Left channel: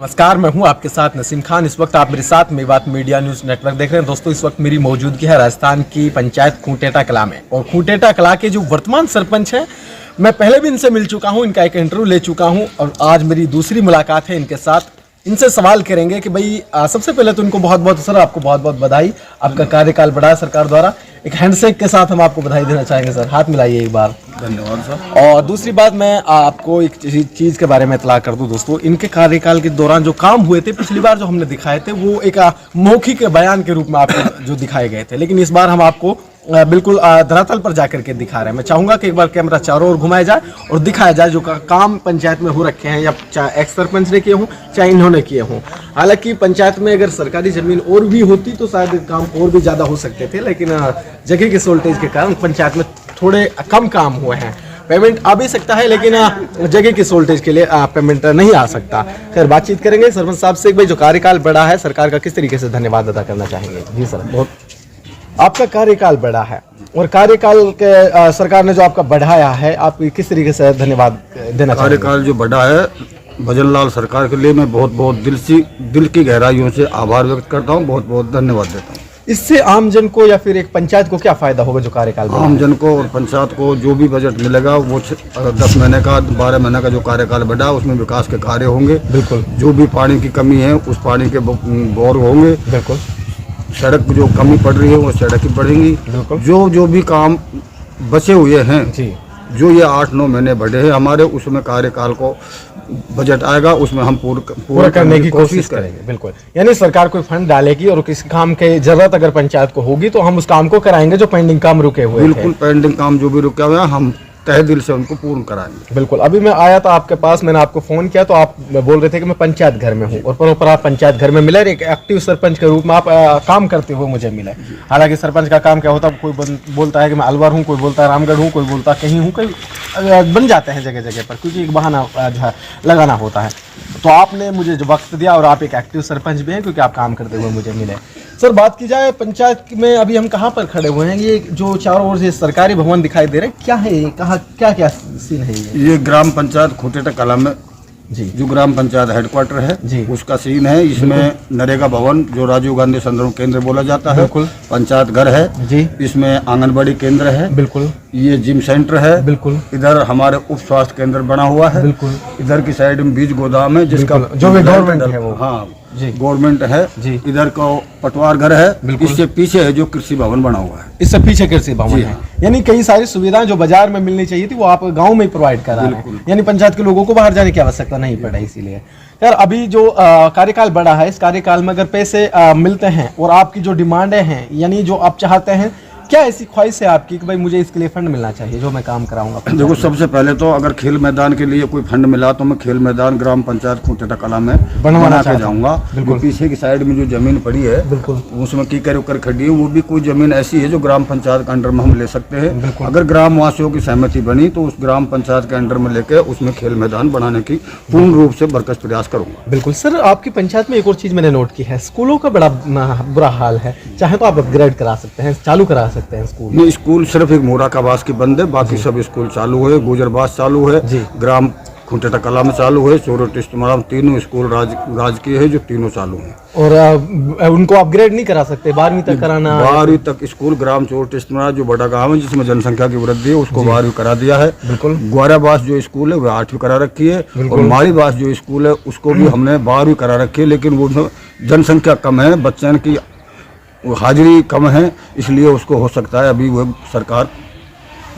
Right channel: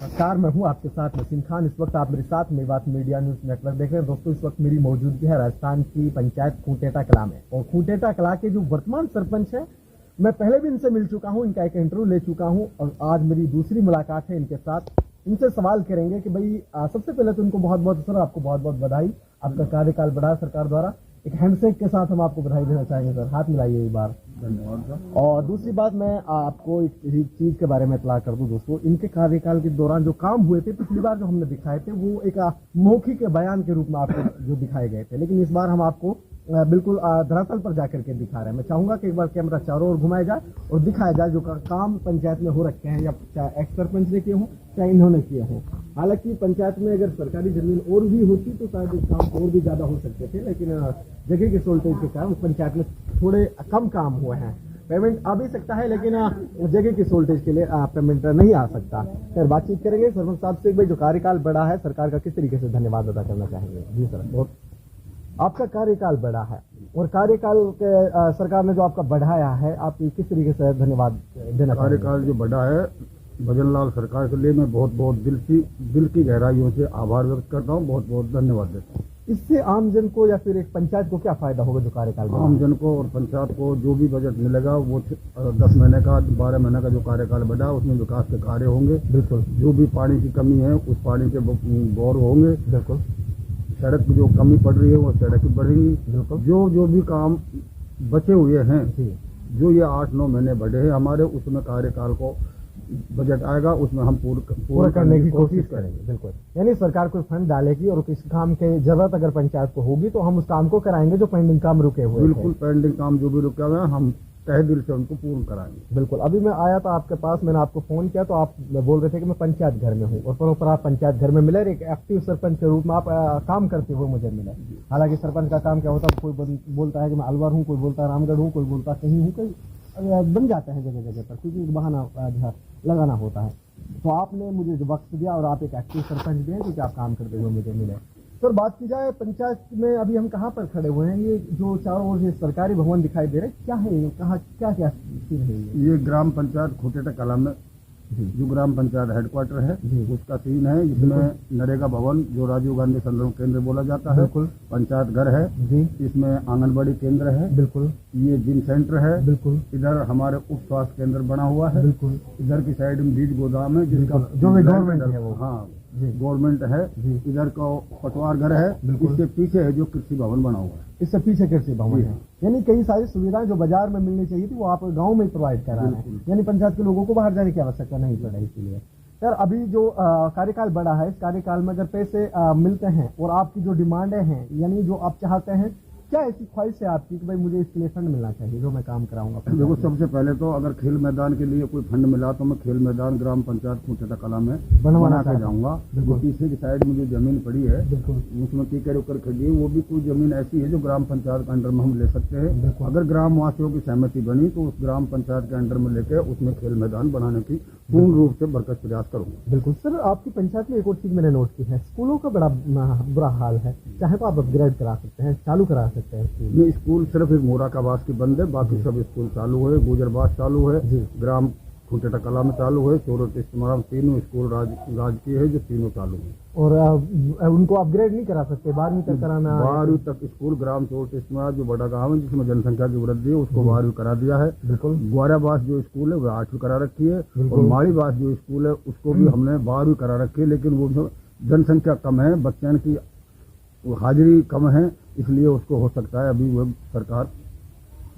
नमस्कार, मैं हूं आपके साथ नसीम खान। इस वक्त आप मेरे साथ मेवात मीडिया न्यूज़ नेटवर्क देख रहे हैं। दोस्तों, इस वक्त मेरी मौजूदगी है राजस्थान की पंचायत खूंटेटा कला में। और खूंटेटा कला के जो वर्तमान सरपंच हैं, मैं पहले भी इनसे मिल चुका हूं, इनका एक इंटरव्यू ले चुका हूं और आज मेरी दूसरी मुलाकात है इनके साथ। इनसे सवाल करेंगे कि भाई सबसे पहले तो इनको बहुत बहुत सर, आपको बहुत बहुत बधाई। आपका कार्यकाल बढ़ा है सरकार द्वारा। एक हैंडशेक के साथ हम आपको बधाई देना चाहेंगे सर। हाथ मिलाइए एक बार। धन्यवाद सर। और दूसरी बात, मैं आपको एक चीज़ के बारे में इतला कर दूं दोस्तों। इनके कार्यकाल के दौरान जो काम हुए थे, पिछली बार जो हमने दिखाए थे वो एक मौखिक बयान के रूप में आपको जो दिखाए गए थे, लेकिन इस बार हम आपको बिल्कुल धरातल पर जाकर के दिखा रहे हैं। मैं चाहूंगा कि एक बार कैमरा चारों ओर घुमाया जाए और दिखाया जाए जो काम पंचायत में हो रखे हैं, या चाहे एक्स सरपंच ने किए हों चाहे इन्होंने किए हों। हालांकि पंचायत में अगर सरकारी जमीन और भी होती तो शायद काम और भी ज़्यादा हो सकते थे, लेकिन जगह के शॉर्टेज के कारण पंचायत में थोड़े कम काम हुए हैं। पेमेंट आ भी सकता है, लेकिन जगह की शॉर्टेज के लिए पेमेंट नहीं आ सकता। खैर, बातचीत करेंगे सरपंच साहब से। भाई, जो कार्यकाल बढ़ा है सरकार का, किस तरीके से धन्यवाद अदा करना चाहेंगे? जी सर। बहुत आपका कार्यकाल बढ़ा है और कार्यकाल के सरकार ने जो आपका बढ़ाया है, आप किस तरीके से धन्यवाद देना चाहेंगे? कार्यकाल जो बढ़ा है भजनलाल सरकार के लिए मैं बहुत बहुत दिल की गहराइयों से आभार व्यक्त करता हूँ, बहुत बहुत धन्यवाद देता हूँ। इससे आमजन को या फिर एक पंचायत को क्या फायदा होगा जो कार्यकाल बढ़ा है? आमजन को और पंचायत को जो भी बजट मिलेगा वो 10 महीने का 12 महीने का जो कार्यकाल बढ़ा है उसमें विकास के कार्य होंगे। बिल्कुल। जो भी पानी की कमी है उस पानी के बोर होंगे। बिल्कुल। सड़क जो कमी पड़ रही है वो सड़क ही बढ़ेंगी। बिल्कुल। जो भी काम बचे हुए हैं जी, जो ये 8-9 महीने बढ़े हैं हमारे, उसमें कार्यकाल को बजट आएगा, उसमें हम पूरा करने की कोशिश करेंगे। बिल्कुल। यानी सरकार कोई फंड डालेगी और किसी काम के जरूरत अगर पंचायत को होगी तो हम उस काम को कराएंगे जो पेंडिंग काम रुके हुए थे। बिल्कुल, पेंडिंग काम जो भी रुका हुआ है हम तहे दिल से उनको पूर्ण कराएंगे। बिल्कुल। अभी मैं आया था आपके पास, मैंने आपको फोन किया तो आप बोल रहे थे कि मैं पंचायत घर में हूँ, और प्रॉपर आप पंचायत घर में मिले, एक एक्टिव सरपंच के रूप में आप काम करते हुए मुझे मिले। हालांकि सरपंच का काम क्या होता है, कोई बोलता है कि मैं अलवर हूँ, कोई बोलता है रामगढ़ हूँ, कोई बोलता है कहीं हूँ, कहीं बन जाते हैं जगह जगह पर, क्योंकि एक बहाना जो है लगाना होता है। तो आपने मुझे जो वक्त दिया, और आप एक एक्टिव सरपंच भी हैं क्योंकि आप काम करते हुए मुझे मिले। सर, बात की जाए पंचायत में, अभी हम कहाँ पर खड़े हुए हैं? ये जो चारों ओर से सरकारी भवन दिखाई दे रहे हैं, क्या है ये? कहाँ क्या क्या सीन है ये ग्राम पंचायत खूंटेटा कला में जी, जो ग्राम पंचायत हेडक्वार्टर है जी, उसका सीन है। इसमें नरेगा भवन जो राजीव गांधी संदर्भ केंद्र बोला जाता है, बिल्कुल, पंचायत घर है जी, इसमें आंगनबाड़ी केंद्र है, बिल्कुल, ये जिम सेंटर है, बिल्कुल, इधर हमारे उप स्वास्थ्य केंद्र बना हुआ है, बिल्कुल, इधर की साइड में बीज गोदाम है जिसका जो भी गवर्नमेंट है वो, हाँ जी, गवर्नमेंट है जी, इधर का पटवार घर है, बिल्कुल, इससे पीछे है जो कृषि भवन बना हुआ है। इससे पीछे कृषि भवन है। यानी कई सारी सुविधाएं जो बाजार में मिलनी चाहिए थी वो आप गांव में ही प्रोवाइड करा रहे हैं। यानी पंचायत के लोगों को बाहर जाने की आवश्यकता नहीं पड़ा। इसीलिए यार, अभी जो कार्यकाल बढ़ा है, इस कार्यकाल में अगर पैसे मिलते हैं और आपकी जो डिमांडें हैं, यानी जो आप चाहते हैं, क्या ऐसी ख्वाहिश है आपकी कि भाई मुझे इसके लिए फंड मिलना चाहिए जो मैं काम कराऊंगा? देखो, सबसे पहले तो अगर खेल मैदान के लिए कोई फंड मिला तो मैं खेल मैदान ग्राम पंचायत खूंटेटा कला में बना के जाऊंगा। जो पीछे की साइड में जो जमीन पड़ी है, बिल्कुल, उसमें कीकर उकर खड़ी है, वो भी कोई जमीन ऐसी है जो ग्राम पंचायत के अंडर में हम ले सकते हैं। अगर ग्राम वासियों की सहमति बनी तो उस ग्राम पंचायत के अंडर में लेकर उसमें खेल मैदान बनाने की पूर्ण रूप से बरकस प्रयास करूंगा। बिल्कुल। सर, आपकी पंचायत में एक और चीज मैंने नोट की है, स्कूलों का बड़ा बुरा हाल है। चाहे तो आप अपग्रेड करा सकते हैं, चालू करा सकते हैं स्कूल। स्कूल सिर्फ एक मोराकाबास की बंद है, बाकी सब स्कूल चालू है। गुजरबास चालू है, ग्राम खूंटेटा कला में चालू है, चोरोट इस्तेमाल, तीनों स्कूल राजकीय है जो तीनों चालू हैं। और उनको अपग्रेड नहीं करा सकते? 12वीं तक कराना? 12वीं तक स्कूल ग्राम चोरोट इस्तेमाल जो बड़ा गांव है जिसमें जनसंख्या की वृद्धि है उसको 12वीं करा दिया है। बिल्कुल। ग्वाराबास जो स्कूल है वो 8वीं करा रखी है, और मारीबास जो स्कूल है उसको भी हमने 12वीं करा रखी है, लेकिन वो जनसंख्या कम है, बच्चों की हाजिरी कम है, इसलिए उसको हो सकता है अभी वो सरकार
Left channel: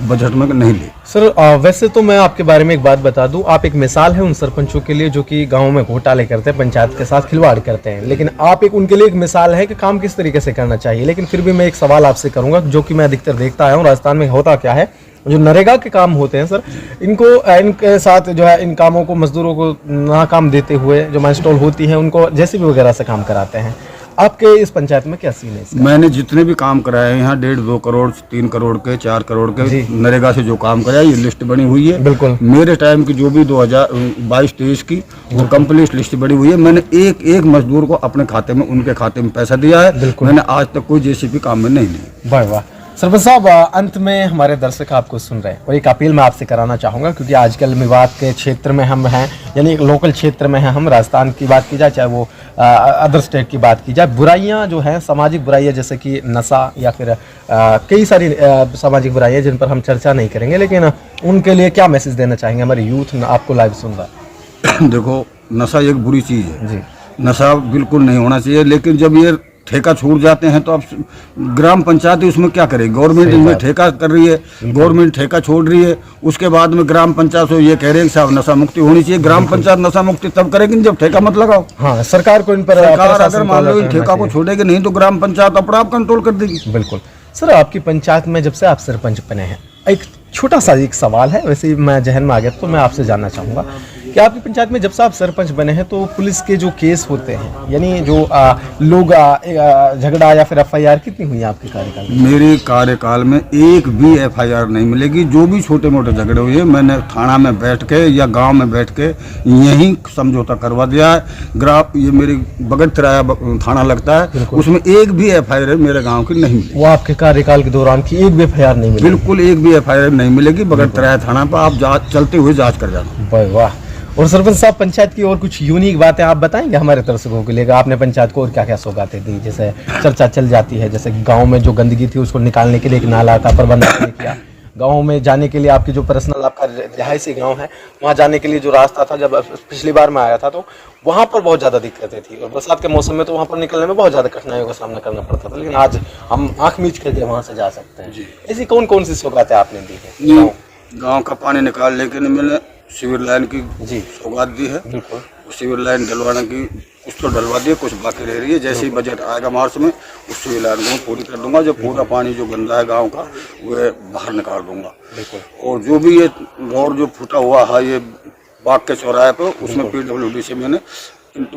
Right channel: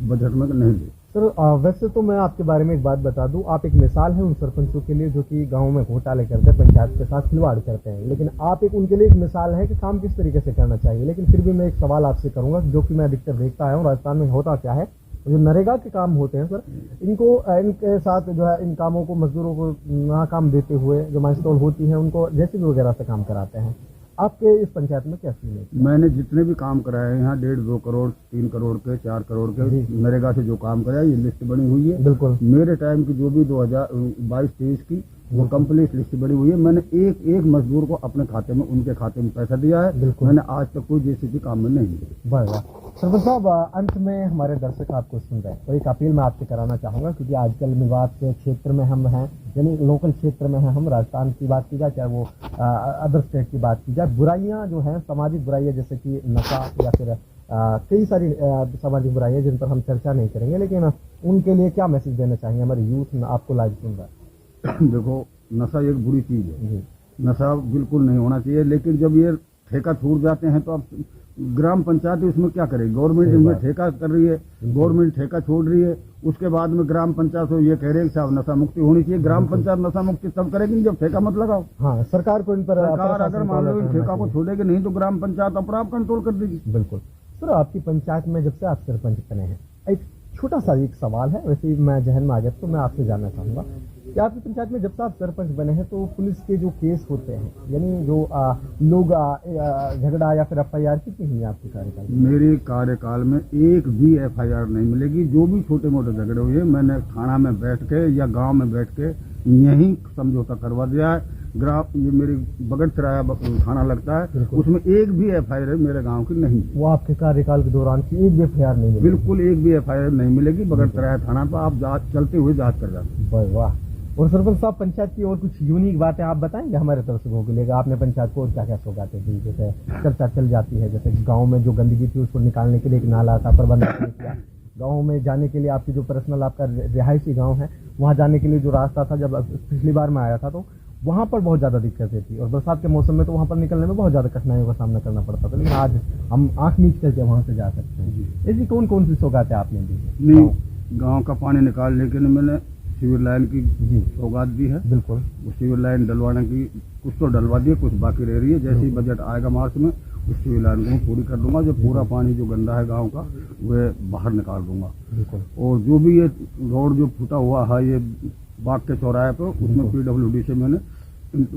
बजट में नहीं ली। सर, वैसे तो मैं आपके बारे में एक बात बता दूं, आप एक मिसाल है उन सरपंचों के लिए जो कि गांव में घोटाले करते हैं, पंचायत के साथ खिलवाड़ करते हैं, लेकिन आप एक उनके लिए एक मिसाल है कि काम किस तरीके से करना चाहिए। लेकिन फिर भी मैं एक सवाल आपसे करूंगा जो कि मैं अधिकतर देखता आया हूँ राजस्थान में होता क्या है, जो नरेगा के काम होते हैं सर, इनके साथ जो है इन कामों को मजदूरों को नाकाम देते हुए जो माइलस्टोन होती है उनको जेसीबी वगैरह से काम कराते हैं। आपके इस पंचायत में क्या सीन है इसका? मैंने जितने भी काम कराए हैं यहाँ 1.5-2 करोड़ 3 करोड़ के 4 करोड़ के नरेगा से जो काम कराया, ये लिस्ट बनी हुई है। बिल्कुल। मेरे टाइम की जो भी 2022-23 की वो कंप्लीट लिस्ट बनी हुई है। मैंने एक एक मजदूर को अपने खाते में, उनके खाते में पैसा दिया है। मैंने आज तक कोई जेसीबी काम में नहीं ली। वाह वाह। सरपंच साहब, अंत में हमारे दर्शक आपको सुन रहे हैं और एक अपील मैं आपसे कराना चाहूँगा, क्योंकि आजकल मेवात के क्षेत्र में हम हैं, यानी एक लोकल क्षेत्र में हैं हम। राजस्थान की बात की जाए, चाहे वो अदर स्टेट की बात की जाए, बुराइयां जो हैं, सामाजिक बुराइयां जैसे कि नशा या फिर कई सारी सामाजिक बुराइयां जिन पर हम चर्चा नहीं करेंगे, लेकिन उनके लिए क्या मैसेज देना चाहेंगे? हमारे यूथ आपको लाइव सुन रहा है। देखो, नशा एक बुरी चीज़ है जी, नशा बिल्कुल नहीं होना चाहिए, लेकिन जब ये ठेका छूट जाते हैं तो अब ग्राम पंचायत उसमें क्या करेगी? गवर्नमेंट इसमें ठेका कर रही है, गवर्नमेंट ठेका छोड़ रही है, उसके बाद में ग्राम पंचायत से ये कह रहे हैं कि साहब नशा मुक्ति होनी चाहिए। ग्राम पंचायत नशा मुक्ति तब करेगी जब ठेका मत लगाओ। हाँ, सरकार को इन पर सरकार अगर मान लो ठेका को छोड़ेगी नहीं तो ग्राम पंचायत अपना आप कंट्रोल कर देगी। बिल्कुल। सर, आपकी पंचायत में जब से आप सरपंच बने हैं, एक छोटा सा एक सवाल है, वैसे ही मैं जहन में आ गया तो मैं आपसे जानना चाहूँगा कि आपकी पंचायत में जब से आप सरपंच बने हैं तो पुलिस के जो केस होते हैं, यानी जो लोग झगड़ा या फिर एफआईआर कितनी हुई है आपके कार्यकाल में? मेरे कार्यकाल में एक भी एफआईआर नहीं मिलेगी। जो भी छोटे मोटे झगड़े हुए मैंने थाना में बैठ के या गांव में बैठ के यहीं समझौता करवा दिया है। ये मेरी बगट तिराया थाना लगता है, उसमें एक भी एफआईआर मेरे गाँव की नहीं मिली। वो आपके कार्यकाल के दौरान की एक भी एफआईआर नहीं मिली? बिल्कुल एक भी एफआईआर नहीं मिलेगी। बगट तिराया थाना पर आप चलते हुए जाँच कर जाना। वाह। और सरपंच साहब, पंचायत की और कुछ यूनिक बातें आप बताएंगे हमारे दर्शकों के लिए? आपने पंचायत को और क्या क्या सौगातें दी? जैसे चर्चा चल जाती है, जैसे गांव में जो गंदगी थी उसको निकालने के लिए एक नाला का प्रबंध आपने किया, गांव में जाने के लिए आपकी जो पर्सनल आपका रिहायशी गांव है वहां जाने के लिए जो रास्ता था, जब पिछली बार मैं आया था तो वहां पर बहुत ज़्यादा दिक्कतें थी, और बरसात के मौसम में तो वहां पर निकलने में बहुत ज़्यादा कठिनाइयों का सामना करना पड़ता था, लेकिन आज हम आँख मीच करके वहाँ से जा सकते हैं। ऐसी कौन कौन सी सौगातें आपने दी है? गाँव का पानी निकालने के लिए मैंने सीवर लाइन की जी सौगात दी है। बिल्कुल। सीवर लाइन डलवाने की कुछ तो डलवा दी है, कुछ बाकी रह रही है। जैसे ही बजट आएगा मार्च में उस सीवर लाइन को पूरी कर दूंगा। जो पूरा पानी जो गंदा है गांव का वह बाहर निकाल दूंगा। और जो भी ये रोड जो फूटा हुआ है ये बाग के चौराहे पर, उसमें PWD से मैंने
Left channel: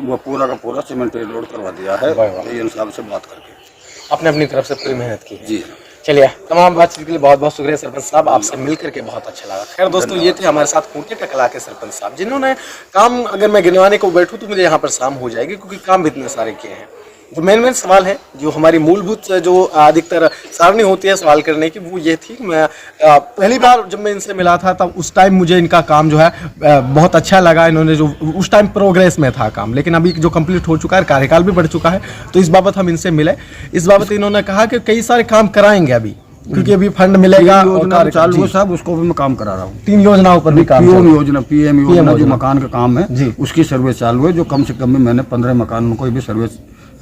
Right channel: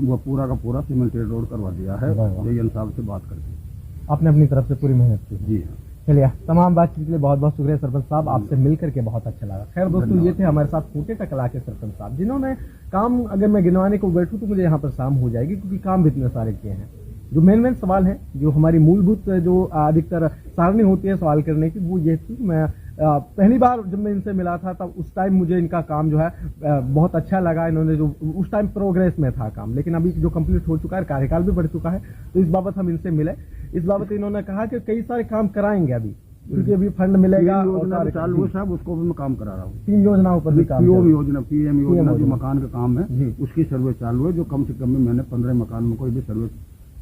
वो पूरा का पूरा सीमेंटेड रोड करवा दिया है। ये साहब से बात करके आपने अपनी तरफ से पूरी मेहनत की है। जी। चलिए, तमाम बातचीत के लिए बहुत बहुत शुक्रिया सरपंच साहब, आपसे मिल करके बहुत अच्छा लगा। खैर दोस्तों, ये थे हमारे साथ खूंटे टकला के सरपंच साहब, जिन्होंने काम, अगर मैं गिनवाने को बैठूं तो मुझे यहाँ पर शाम हो जाएगी, क्योंकि काम भी इतने सारे किए हैं। जो मेन सवाल है, जो हमारी मूलभूत जो अधिकतर सारणी होती है सवाल करने की, वो ये थी कि मैं पहली बार जब मैं इनसे मिला था तब उस टाइम मुझे इनका काम जो है बहुत अच्छा लगा। इन्होंने जो उस टाइम प्रोग्रेस में था काम, लेकिन अभी जो कंप्लीट हो चुका है, कार्यकाल भी बढ़ चुका है, तो इस बाबत हम इनसे मिले। इस बाबत इन्होंने कहा कि कई सारे काम कराएंगे अभी, क्योंकि अभी फंड मिलेगा और कार्य चालू है साहब, उसको भी मैं काम करा रहा हूँ। 3 योजनाओं पर भी काम, PM योजना जो मकान का काम है उसकी सर्वे चालू है, जो कम से कम में मैंने 15 मकान को भी सर्वे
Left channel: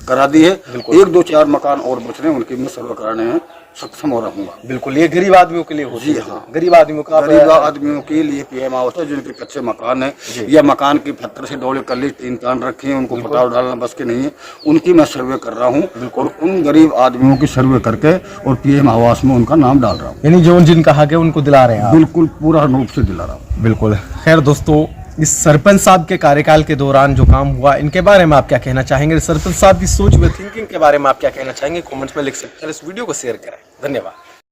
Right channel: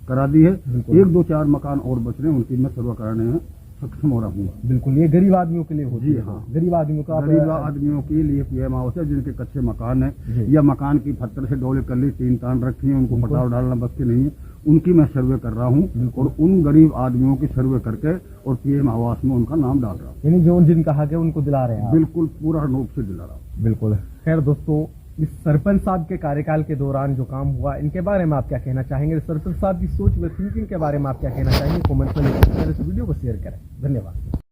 करा दी है। 1, 2, 4 मकान और बच रहे हैं, उनकी मैं सर्वे कराने में सक्षम हो रहूंगा। बिल्कुल, ये गरीब आदमियों के लिए होती है। हाँ, गरीब आदमियों के लिए PM आवास है, जिनके कच्चे मकान है या मकान की पत्थर से डोले कली 3 कान रखे हैं, उनको पटाव डालना बस के नहीं है, उनकी मैं सर्वे कर रहा हूँ। और उन गरीब आदमियों की सर्वे करके और PM आवास में उनका नाम डाल रहा हूँ। यानी जो जिनका हक है उनको दिला रहे हैं? बिल्कुल, पूरा रूप से दिला रहा हूँ। बिल्कुल। खैर दोस्तों, इस सरपंच साहब के कार्यकाल के दौरान जो काम हुआ, इनके बारे में आप क्या कहना चाहेंगे? सरपंच साहब की सोच व थिंकिंग के बारे में आप क्या कहना चाहेंगे? कमेंट्स में लिख सकते हैं। इस वीडियो को शेयर करें। धन्यवाद।